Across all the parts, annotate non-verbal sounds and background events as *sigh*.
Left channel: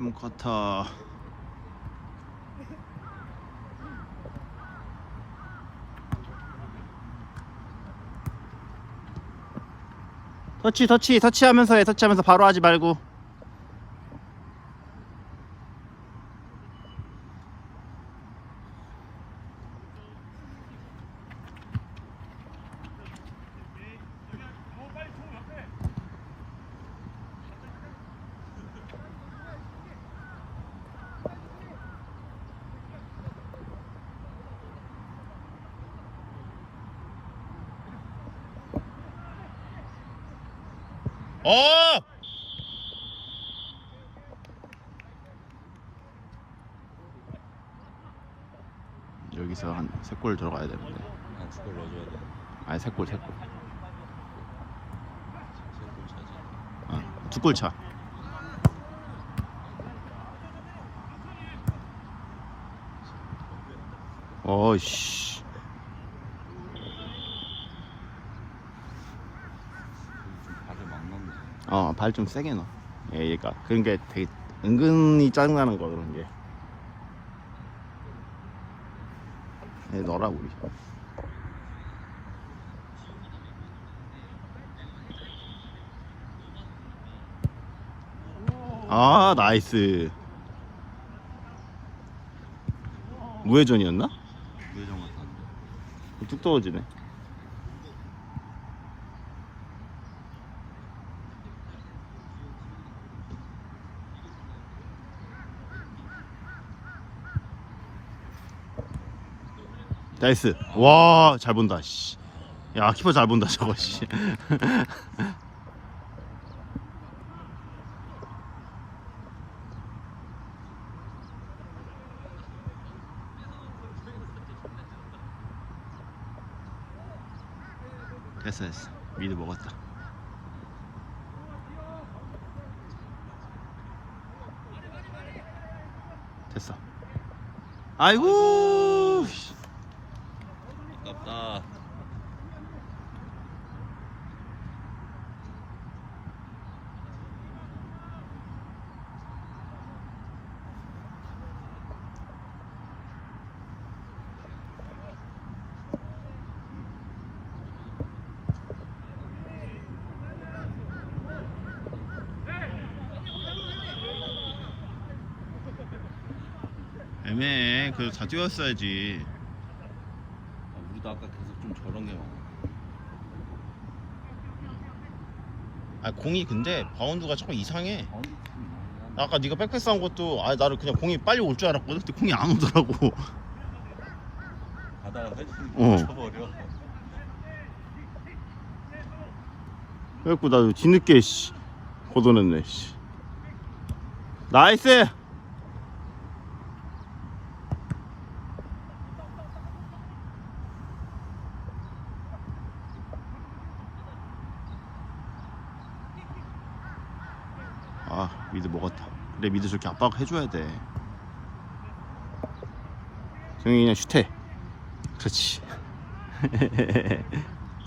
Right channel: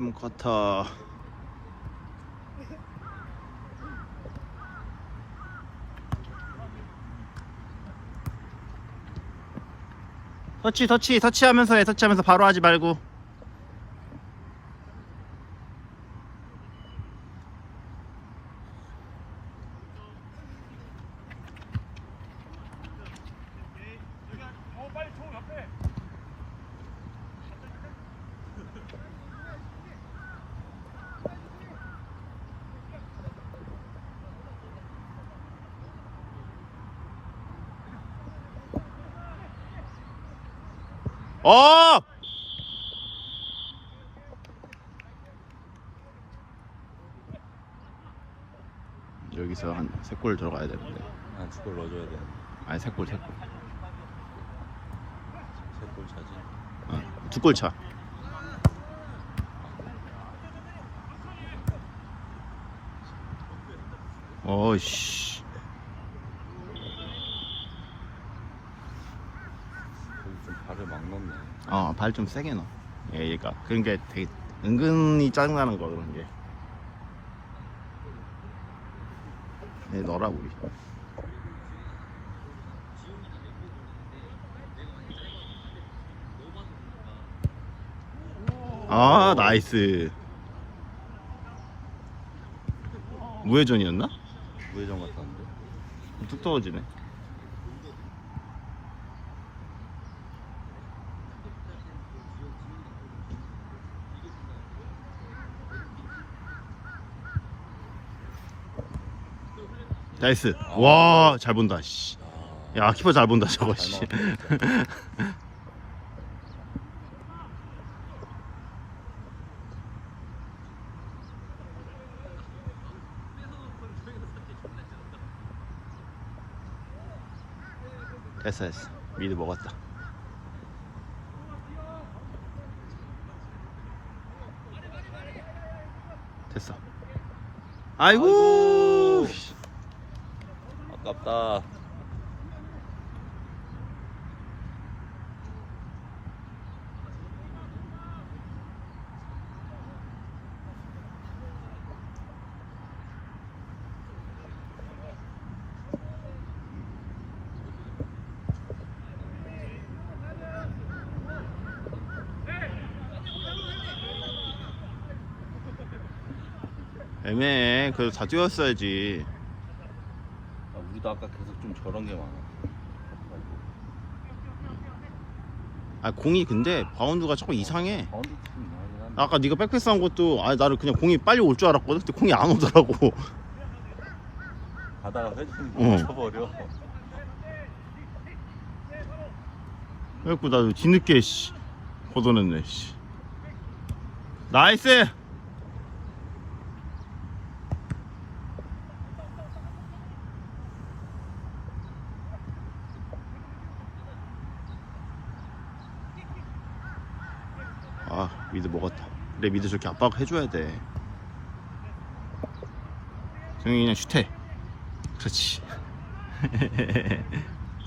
3쿼터 터치 터치 터치하면서 해. 터치하면서 바로 하지 말고 어! 여기서 한세골 들어가야 되는데 한 축구를 넣어줘야 돼. 아니 세골 세골 세골 차지. 어, 두골 차. 어이씨 좀 발을 막 넣네. 어발 좀 세게 넣어 얘, 얘가 게 되게 은근히 짜증나는 거 그런 게 얘 넣어라 우리 아 나이스 무회전이었나? 우회전 같았는데. 쭉 떨어지네 나이스. 와 잘 본다 씨. 야 키퍼 잘 본다 저거 씨. *laughs* 됐어 됐어. 미드 먹었다. 됐어. 아이고 아깝다. 애매해 그래도 다 뛰었어야지 좀 저런 게 많아. 아 공이 근데 바운드가 자꾸 이상해 바운드. 아까 네가 백패스 한 것도 아 나를 그냥 공이 빨리 올 줄 알았거든 근데 공이 안 오더라고 가다가 회전이 어. 멈춰버려. 그래갖고 나 뒤늦게 씨 걷어냈네 씨 나이스 아 미드 먹었다 그래 미드 저렇게 압박 해줘야 돼. 정이 그냥 슛해. 그렇지.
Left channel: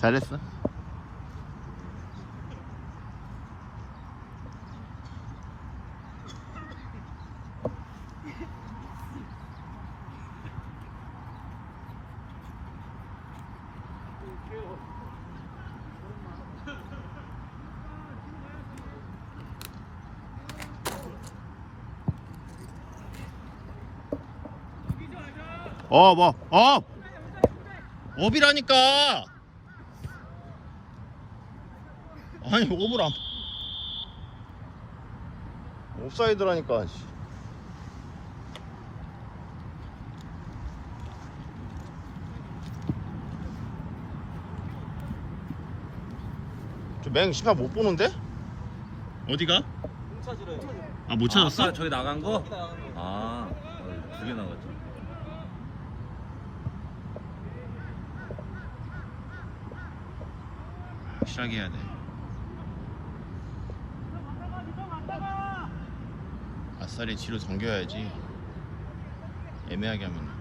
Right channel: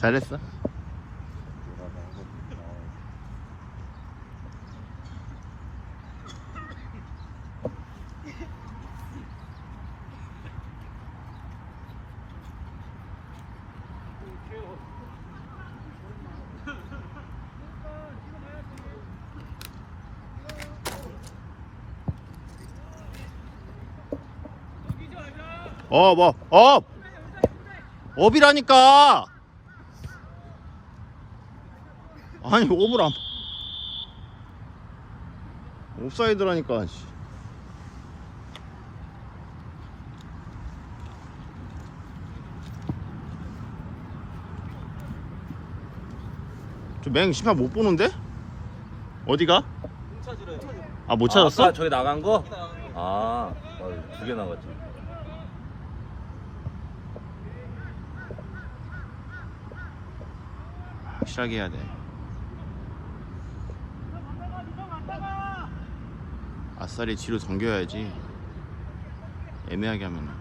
잘했어 어, 뭐, 업! 업이라니까! 아니, 업을 안. 옵사이드라니까, 씨. 저맹 시간 못 보는데? 어디가? 아, 못 찾았어? 아, 저기 나간 거? 아, 두 개 나갔지. 시작해야 돼. 아싸리 뒤로 당겨야지. 애매하게 하면.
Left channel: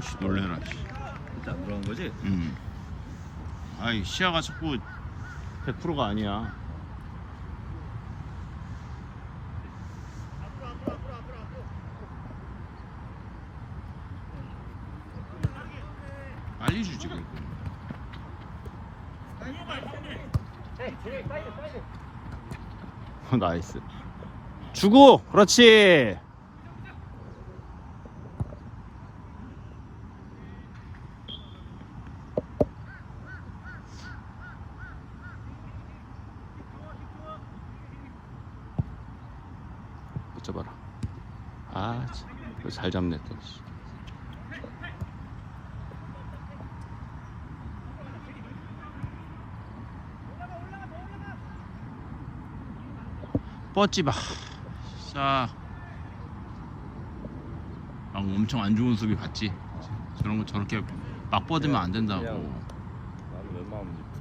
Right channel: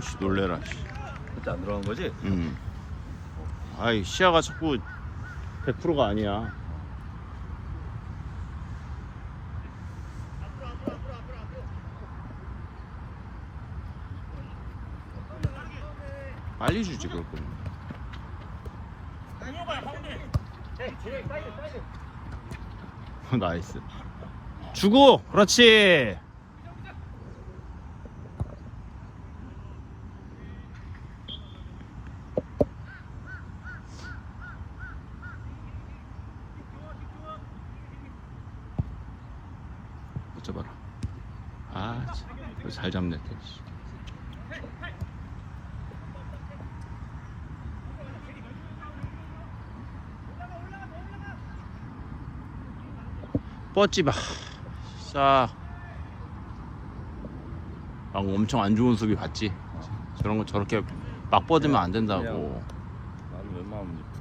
어씨 놀래라 씨. 그때 안 들어간 거지? 음. 아이 시야가 자꾸 100%가 아니야 빨리 주지 그럴 거면 어, 나이스 주고 그렇지 못 잡아라 아잘 잡네 또 씨. 뻗지 마. 자. 아, 엄청 안 좋은 수비 봤지? 저런 거 저렇게 막 뻗으면 안 된다고.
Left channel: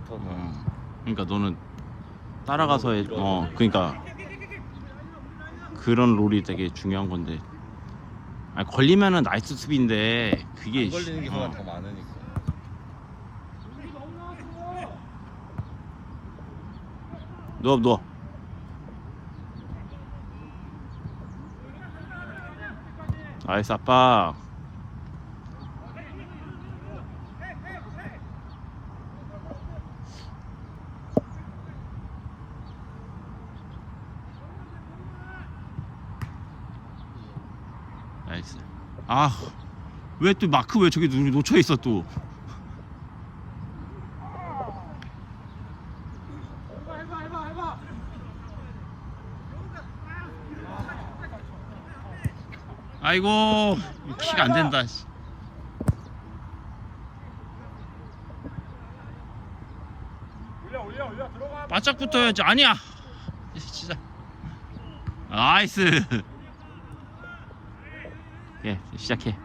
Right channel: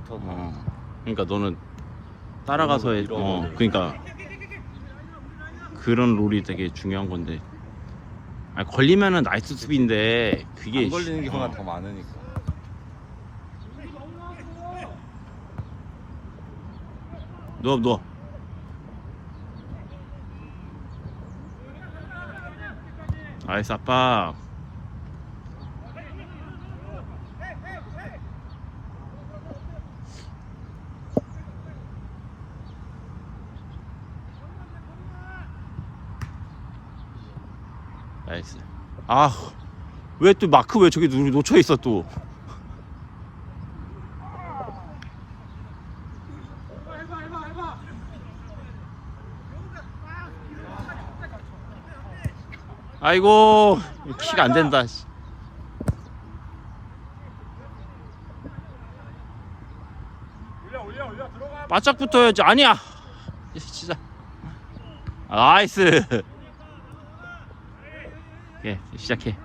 어. 그러니까 너는 따라가서 해. 어, 그러니까 그런 롤이 되게 중요한 건데. 아, 걸리면은 나이스 수비인데 그게 안 걸리는 경우가 어. 더 많으니까. 누워 누워. 나이스 아빠. 나이스. 아, 왜 또 마크 왜 저기 누- 놓쳐 있어 또? 아이고 키가 안 된다. 씨. 바짝 붙어야지. 아니야. 진짜. 나이스. 예, 시작해.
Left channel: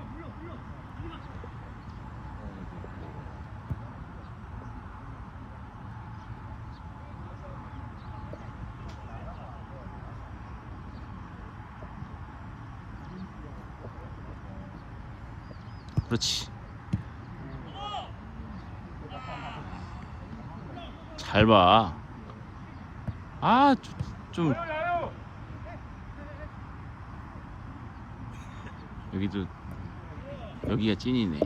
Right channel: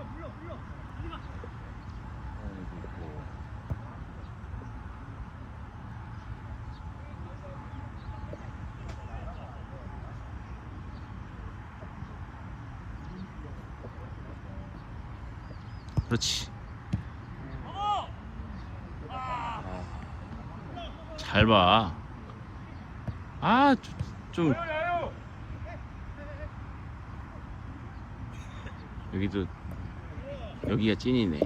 그렇지. 잘 봐. 아, 좀. 여기도, 여기가 찐이네.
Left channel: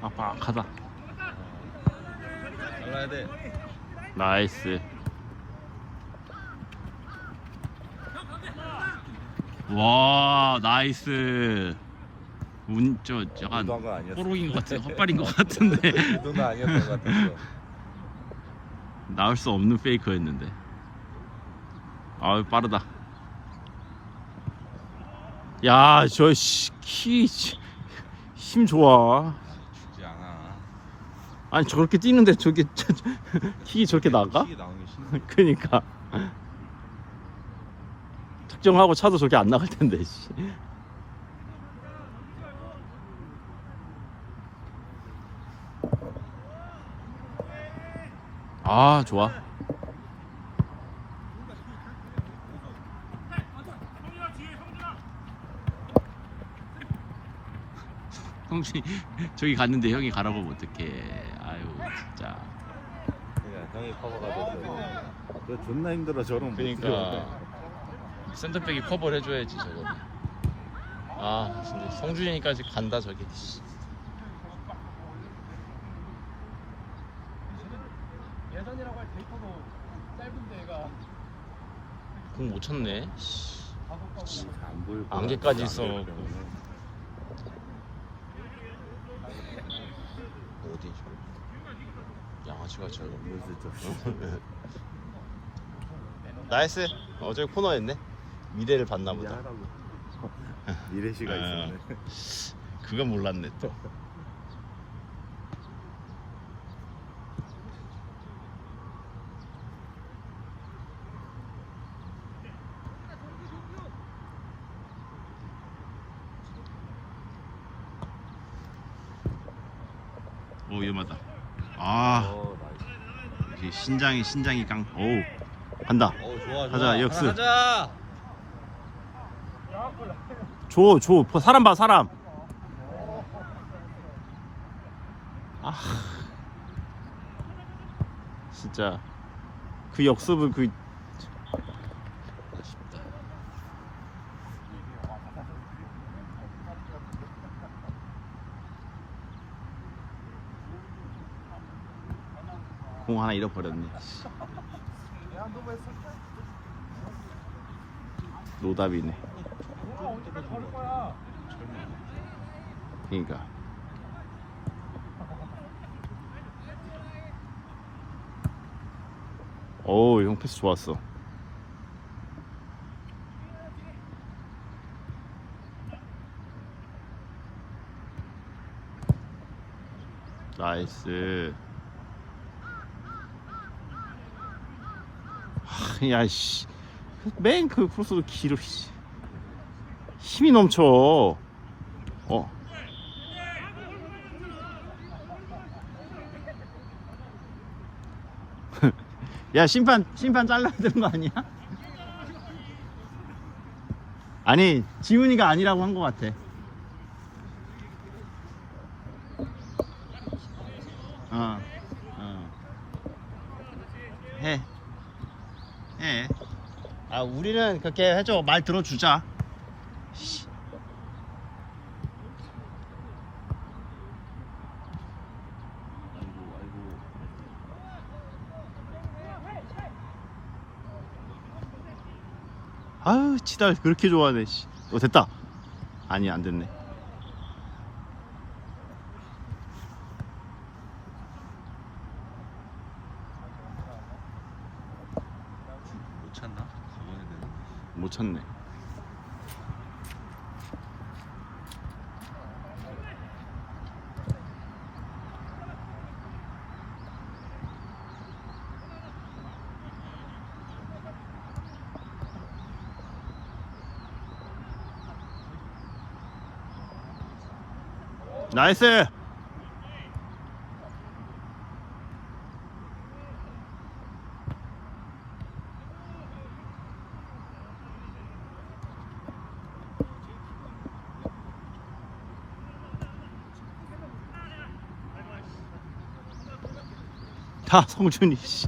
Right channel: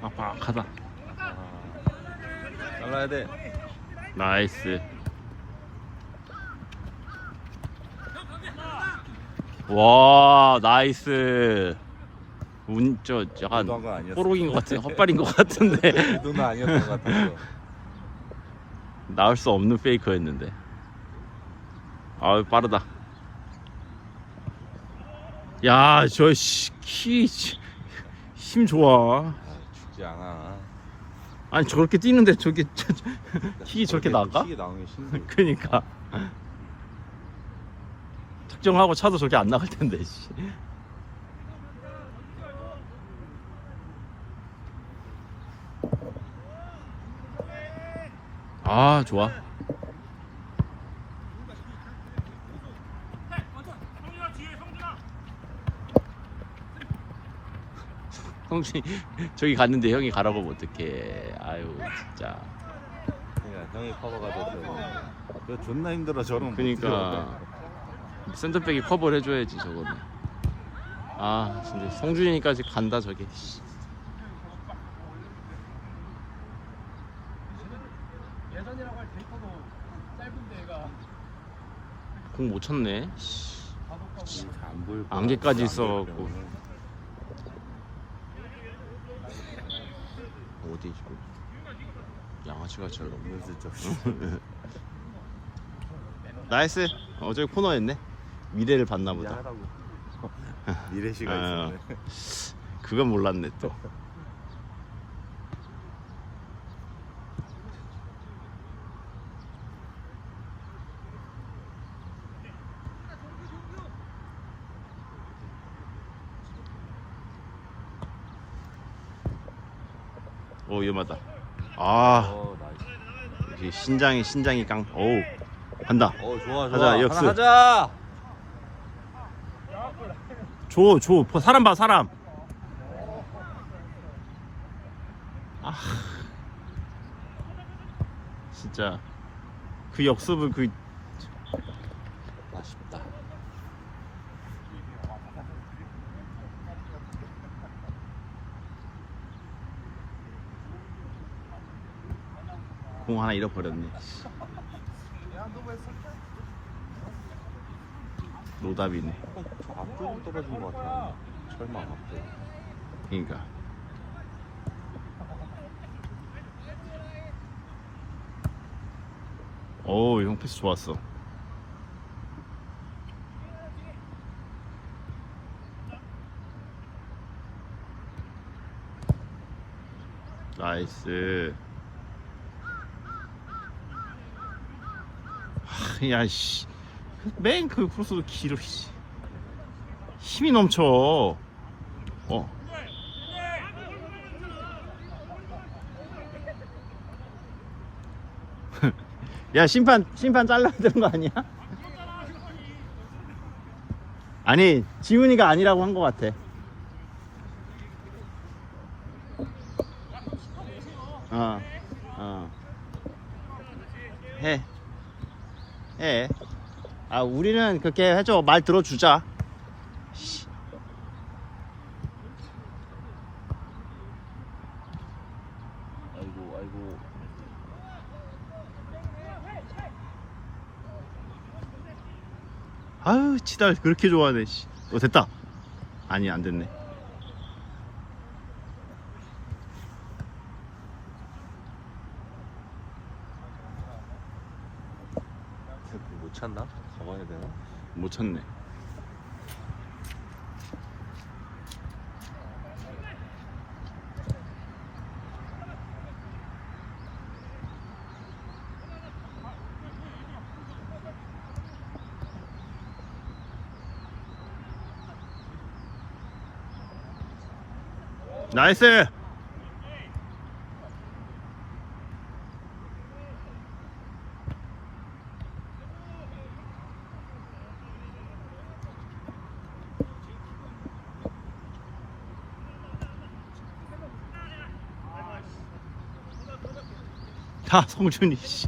빡빡하다. 나가야 돼. 나이스. 와, 나이스. 운, 저, 약간, 아니었어. 호록인 것 같은, 헛발인 것 같은데. *laughs* 나올 수 없는 페이커였는데. 아유, 빠르다. 야, 저, 씨, 키, 씨, 힘 좋아. 아니, 저렇게 뛰는데 저게, 키 저렇게 나가? 킥이 나오면 신기. 그니까. 특정하고 차도 저렇게 안 나갈 텐데, 씨. 아, 좋아. 성준이 *laughs* 저기 갔는데 형이 가라고 하면 어떡해. 아유, 진짜. 등에 커버가 돼서. 너 존나 힘들어 저런. 들어. 샌드백이 커버를 해줘야지 저거는 아 근데 성준이까지 간다 저게 공못 쳤네. 안개까지 있어갖고 그렇죠 그렇죠 진짜 나이스. 어제 코너했네. 미래를 봤나 보다. 미래 시간 아, 그건 몰랐네. 또. 오, 위험하다. 아, 이 신장이 신장이 깡. 오우 간다. 어 좋아 가자, 좋아. 역습. 하나 가자. 줘 줘. 사람 봐 사람. 아. 진짜. 그 역습을 그 아쉽다 공 하나 잃어버렸네. 노답이네. 앞쪽으로 떨어진 것 같아 설마 앞쪽 그러니까. 오우 형 패스 좋았어. 나이스 야씨 맨그 풀스로 기를 씨. 힘이 넘쳐 어 *laughs* 야 심판 심판 잘라야 되는 거 아니야? 아니 지훈이가 아니라고 한거 같아. 어, 어. 해, 해. 아 우리는 그렇게 해줘 말 들어주자. 아유 치달 그렇게 좋아하네. 씨. 어 됐다. 아니 안 됐네. 찾나? 잡아야 되나? 못 찾네. 나이스! 다 성준이 씨.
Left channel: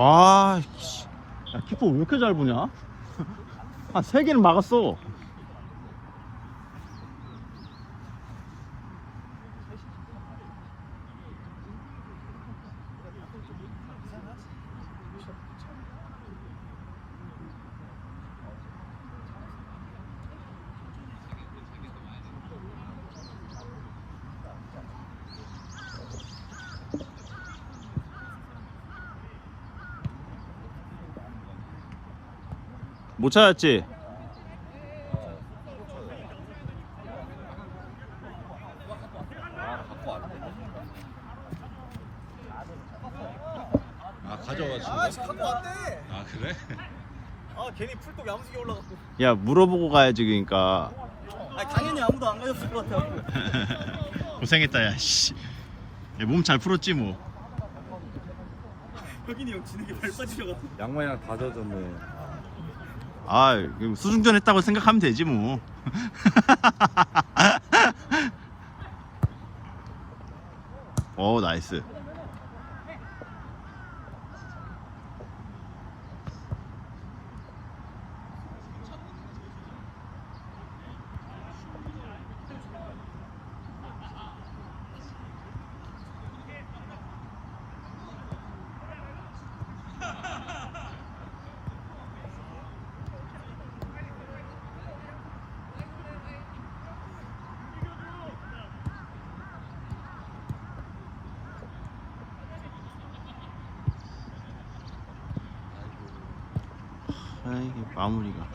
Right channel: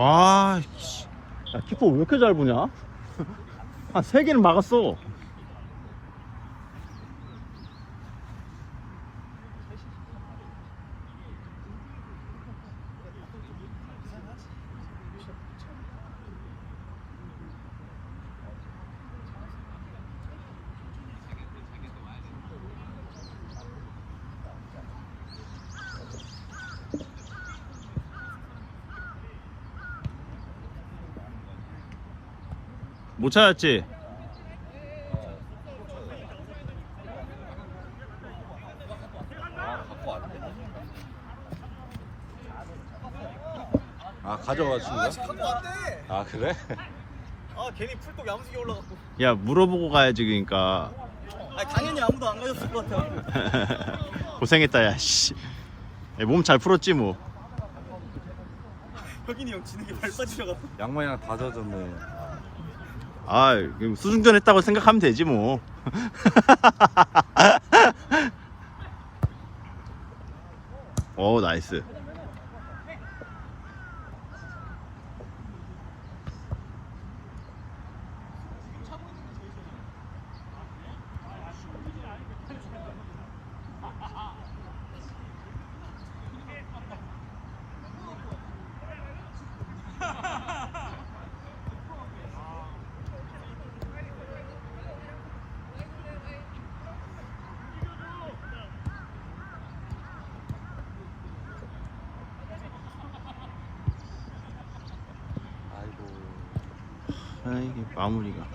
와, 씨. 야, 키퍼 왜 이렇게 잘 보냐? 한 세 개는 막았어. 못 찾았지? 아 갖고 왔대 아? 갖고 왔대. 아 그래? 아 괜히 풀독 야무지게 올라갔고. 야, 물어보고 가야지, 그니까. 아 당연히 아무도 안 가졌을 것 같아. *laughs* 고생했다, 야, 씨. 몸 잘 풀었지, 뭐. 혁인이 형 지는 게 발 빠지셔가지고. 양말이랑 다 젖었네. 아, 수승전 했다고 생각하면 되지 뭐. 오, *laughs* 나이스. 아, 이게 마무리가.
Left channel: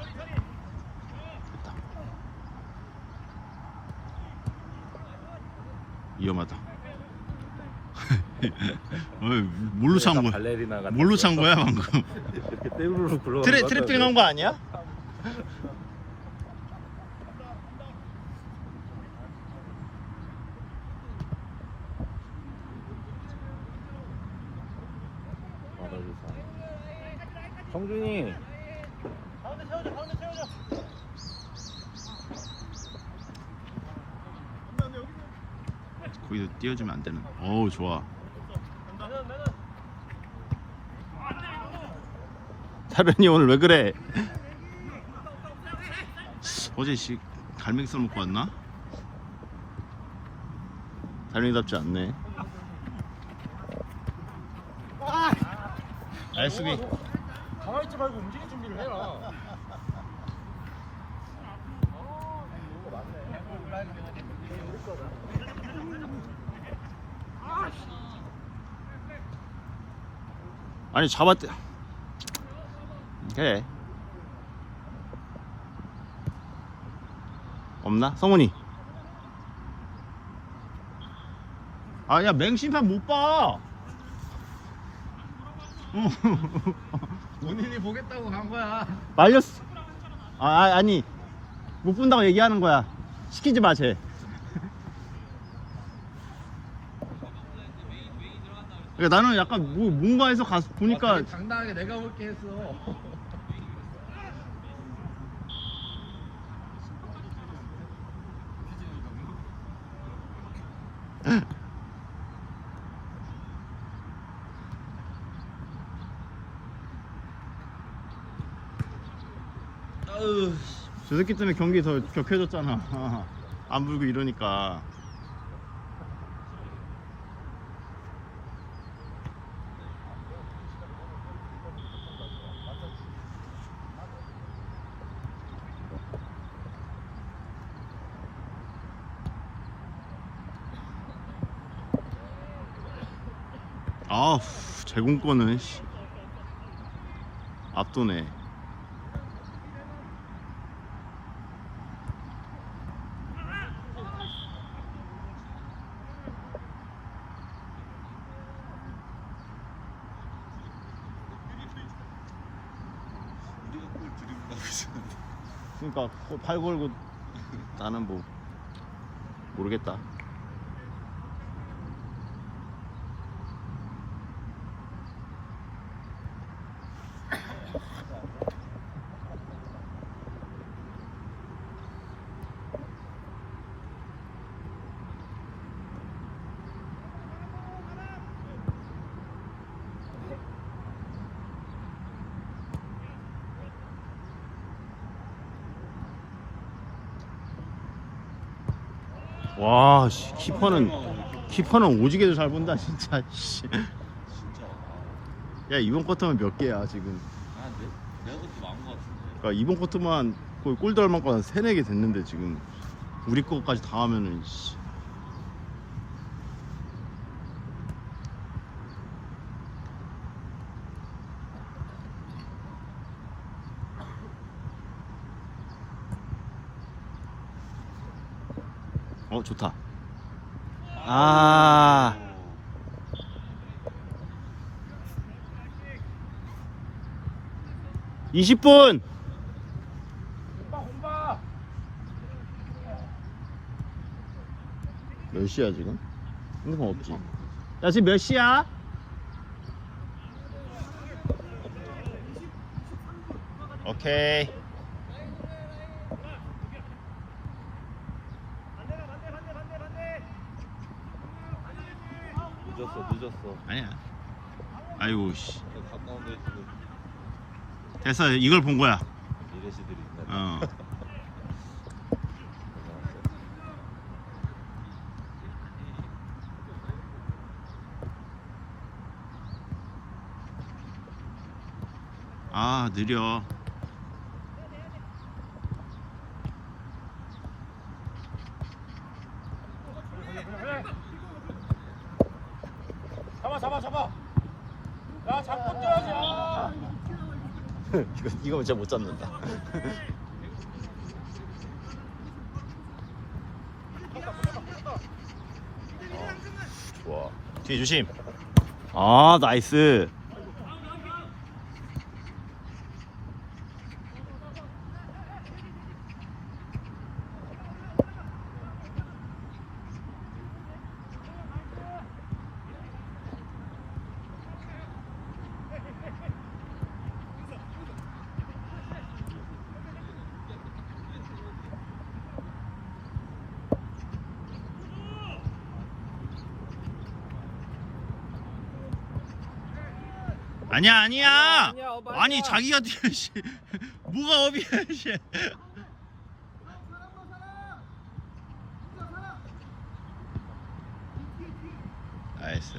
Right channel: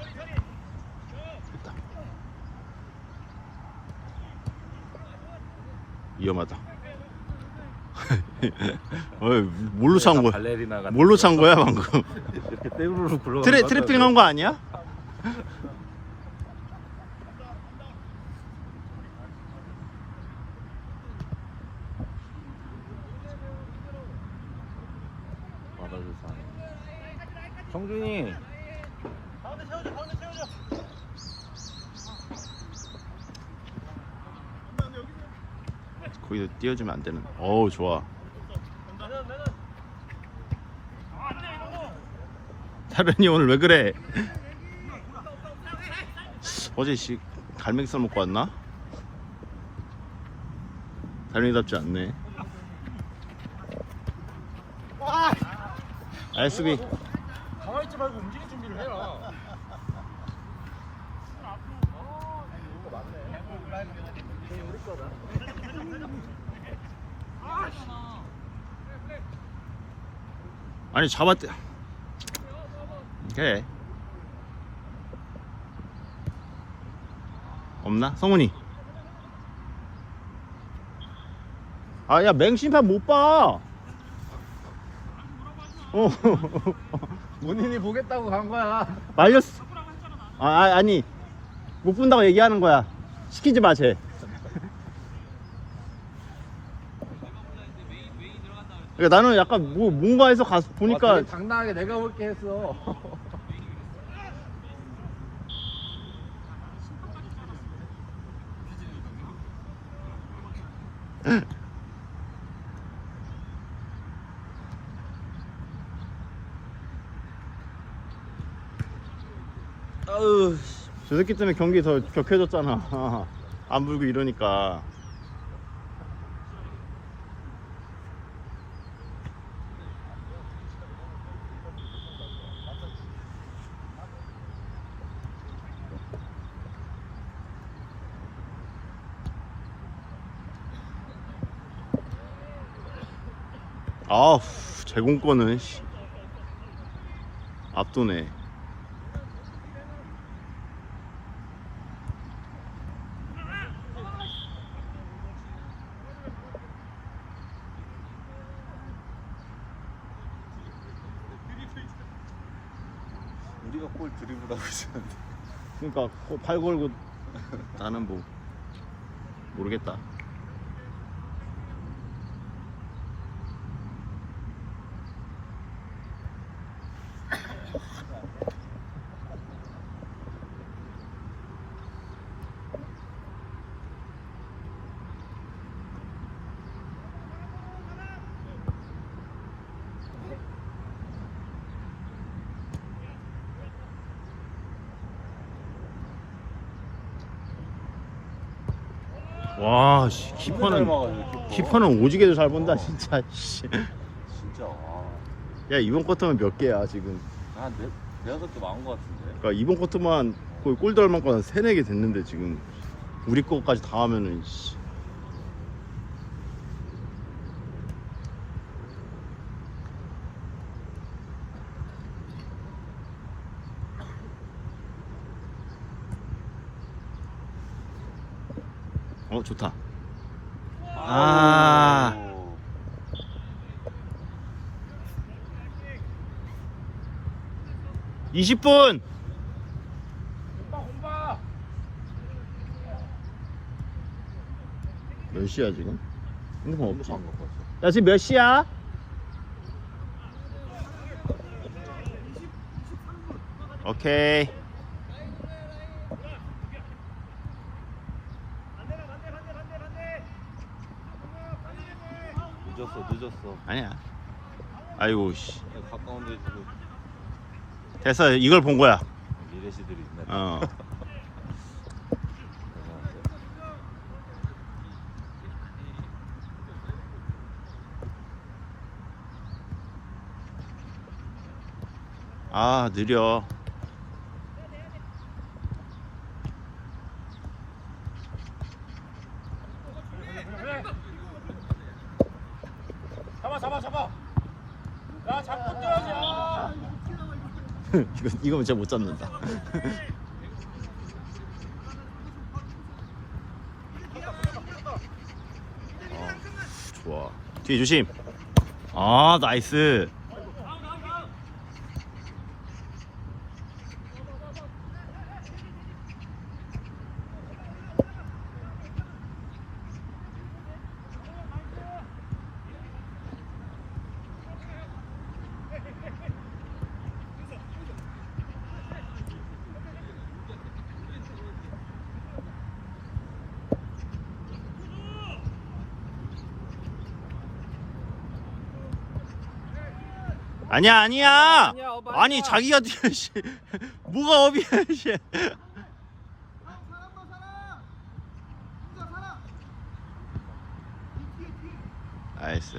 됐다. 위험하다. *laughs* 어이, 뭘로 찬 거야? 발레리나. 뭘로 찬 거야 방금? 이렇게 떼우르르 굴러. 트래 트래핑 한 거 아니야? 성준이. 띄워주면 안 되는. 어우 좋아. 사련이 오늘 왜 그래? 어제 씨 갈매기살 먹고 왔나? 갈매기답지 않네. 나이스 비. 가만있지 말고 움직일 준비를 해라. 아니 잡았대. 그래. 없나? 성훈이. 아, 야, 맹심판 못 봐. 어. *laughs* 본인이 보겠다고 간 거야. 말렸어. 아, 아, 아니. 못 본다고 얘기하는 거야. 시키지 마, 쟤. 그러니까 나는 약간 뭐, 뭔가 해서 가서 보니까 당당하게 내가 볼게 했어. *laughs* 저 새끼 때문에 경기 더 격해졌잖아. *laughs* 안 불고 이러니까. 아우, 제공권은 씨. 압도네. 우리가 볼 드리블하고 있었는데. 그러니까 그팔 걸고 나는 뭐 모르겠다. 와, 씨, 키퍼는 키퍼는 오지게도 잘 본다 진짜. 씨. 진짜. 아, 야 이번 쿼터는 몇 개야 지금? 한 네, 네다섯 개 많은 것 같은데. 그러니까 이번 쿼터만 거의 골 들어갈 만큼 한 세네 개 됐는데 지금 우리 거까지 다 하면은. 씨. 어 좋다. 아. 20분. 몇 시야 지금? 핸드폰 없지? 야 지금 몇 시야? 오케이. 늦었어 늦었어 아니야. 아이고 씨. 가까운 데 지금 됐어. 이걸 본 거야. 미래시들이 있네 어. 아 느려. 잡아 잡아 잡아 야 잡고 뛰어야지 야. 이거 이거 진짜 못 잡는다. 좋아. 뒤에 조심. 아 나이스. 아니야 아니야. 아니 자기가 뒤에 씨. *laughs* 뭐가 업이야 씨. 나이스.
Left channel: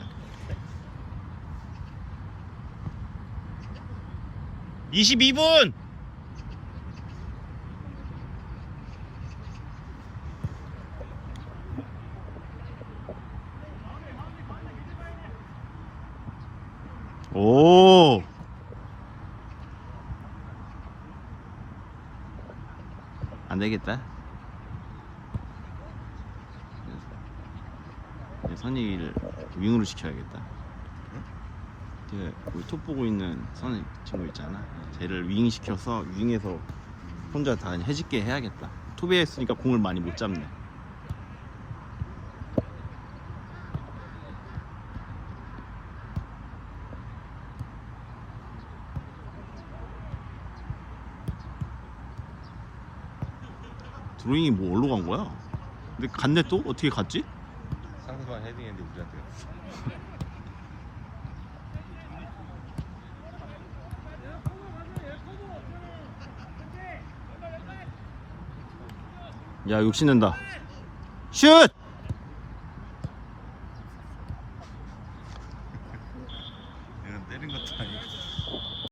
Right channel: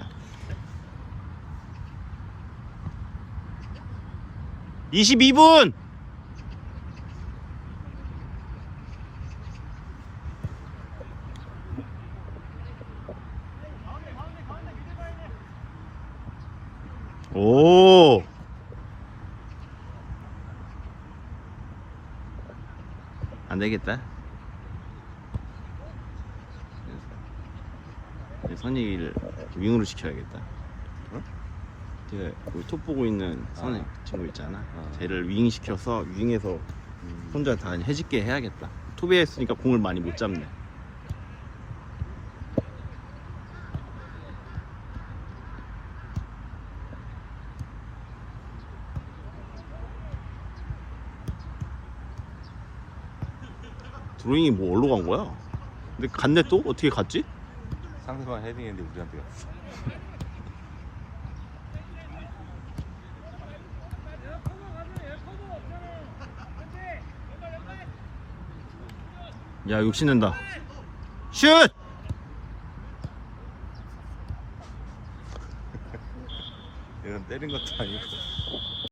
22분. 오. 안 되겠다. 선이를 윙으로 시켜야겠다. 어? 그 우리 톱 보고 있는 선이 친구 있잖아. 쟤를 윙 시켜서 윙에서 혼자 다 해집게 해야겠다. 톱에 했으니까 공을 많이 못 잡네. 드로잉이 뭐 어디로 간 거야? 근데 갔네 또? 어떻게 갔지? 상대방 헤딩했는데 우리한테 왔어 야 욕심낸다 슛!